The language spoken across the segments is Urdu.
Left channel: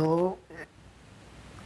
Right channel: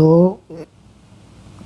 2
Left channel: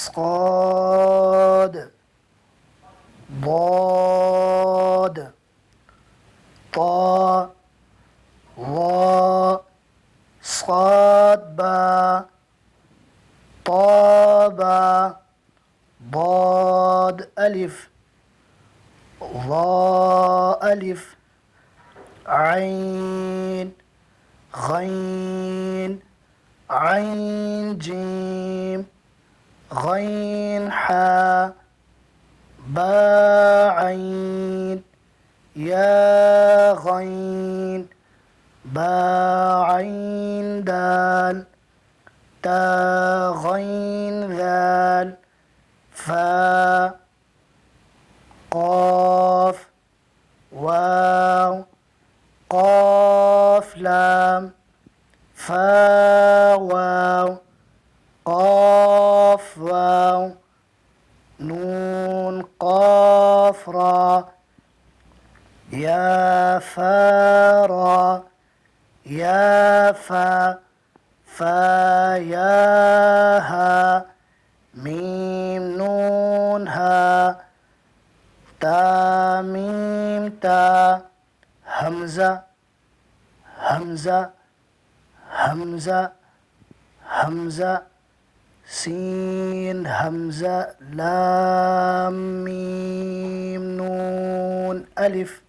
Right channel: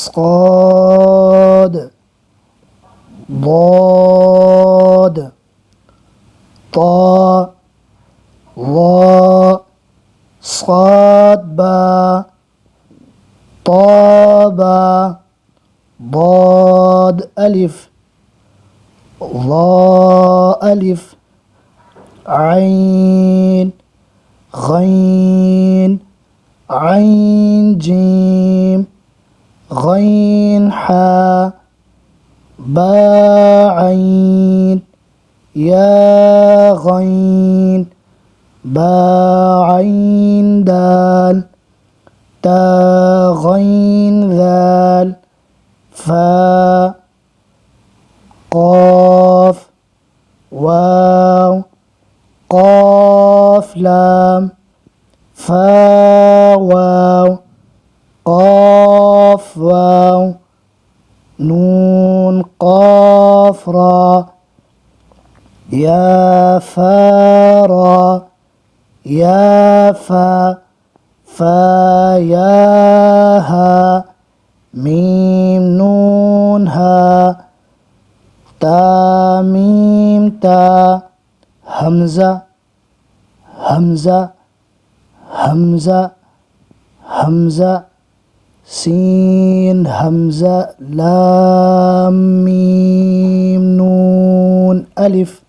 صاد ضاد طا ظا صاد با طابا ضاد ألف ظا ألف عين غين عين جيم غين حا با عين يا غين با عين دال تا غين ذال فا قاف واو قاف لام فا واو قاف واو نون قاف را يا فا را يا فا فا يا ها ميم نون ها تا ميم تا همزة همزة همزة همزة سين همزة لام ميم نون ألف